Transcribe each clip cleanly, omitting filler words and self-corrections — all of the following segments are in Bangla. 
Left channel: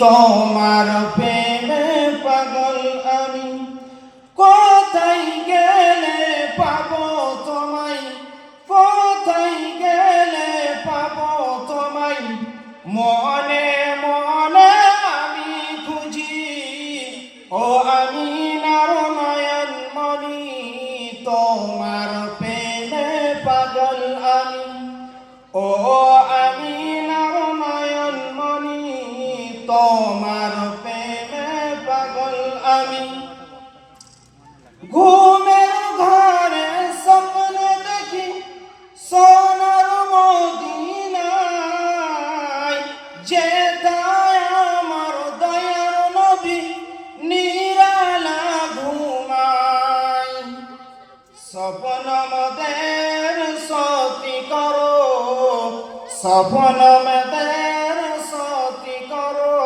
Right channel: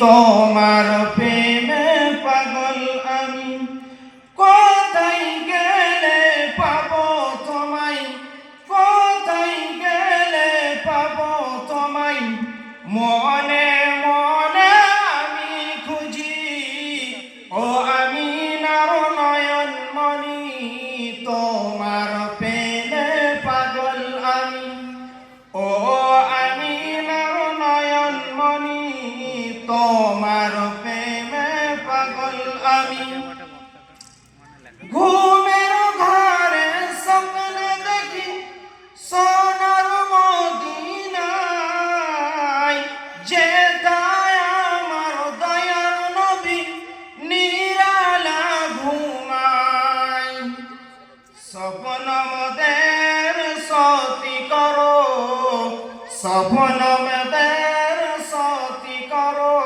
তোমার প্রেমে পাগল আমি, কোথায় গেলে পাবো তোমায়, কোথায় গেলে পাবো তোমায়, মনে মনে আমি খুঁজি। ও আমি নার নয়ন মনি, তোমার প্রেমে পাগল আমি। ও আমি নার নয়ন মনি, তোমার প্রেমে পাগল আমি। ঘুমের ঘরে স্বপ্নে দেখি সোনার মদিনায়, যেথায় আমার দয়ার নবী নিরালা ঘুমায়। স্বপ্ন মোদের সতী করো, স্বপ্ন মোদের সতী করো,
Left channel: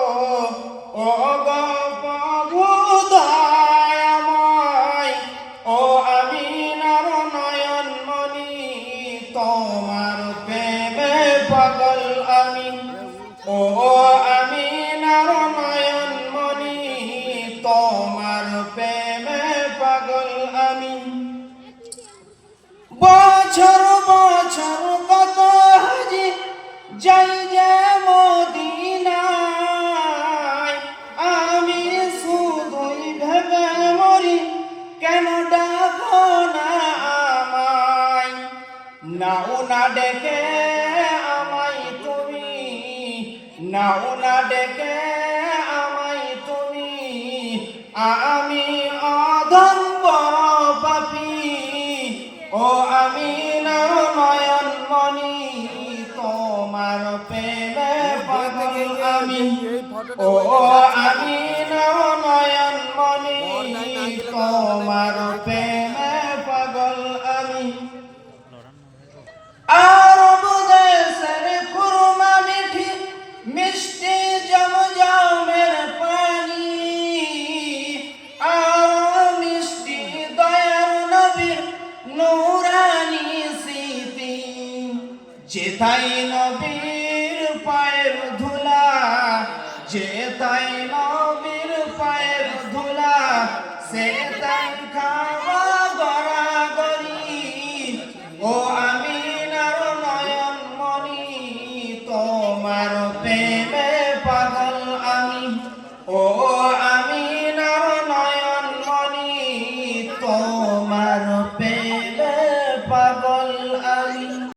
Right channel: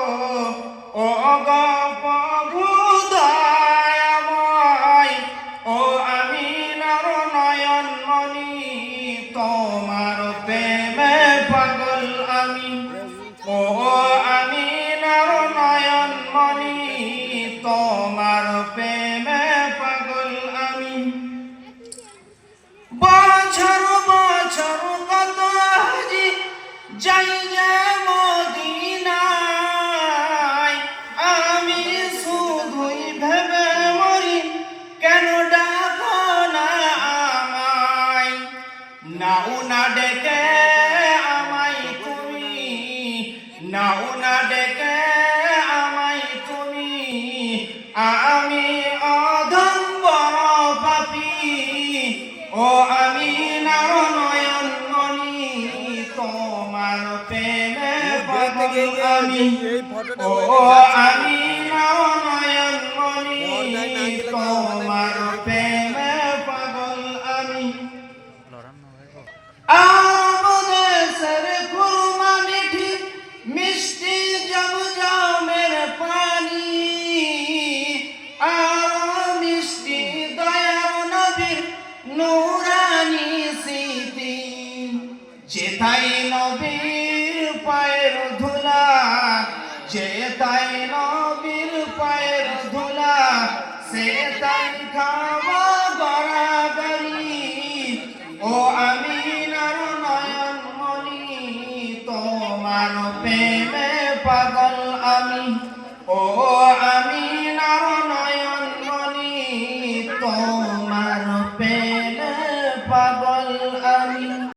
ও গো প্রভু দয়াময়। ও আমি নার নয়ন মনি, তোমার প্রেমে পাগল আমি। ও আমি নার নয়ন মনি, তোমার প্রেমে পাগল আমি। বছর বছর কত হাজি যাই যে মদিনায়, আমি শুধুই ভেবে মরি কেন ডাকো না আমায়। নাও না ডেকে আমায় তুমি, নাও না ডেকে আমায় তুমি, আমি অধম বড় পাপী। ও আমি নার নয়ন মনি, তোমার প্রেমে পাগল আমি। ও আমি নার নয়ন মনি, তোমার প্রেমে পাগল আমি। আরব দেশের খুরমা মিঠি মিষ্টি জমজমের পানি, আর মিষ্টি দয়ার নবীর নূরানি স্মৃতি। যেথায় নবীর পায়ের ধুলা, যেথায়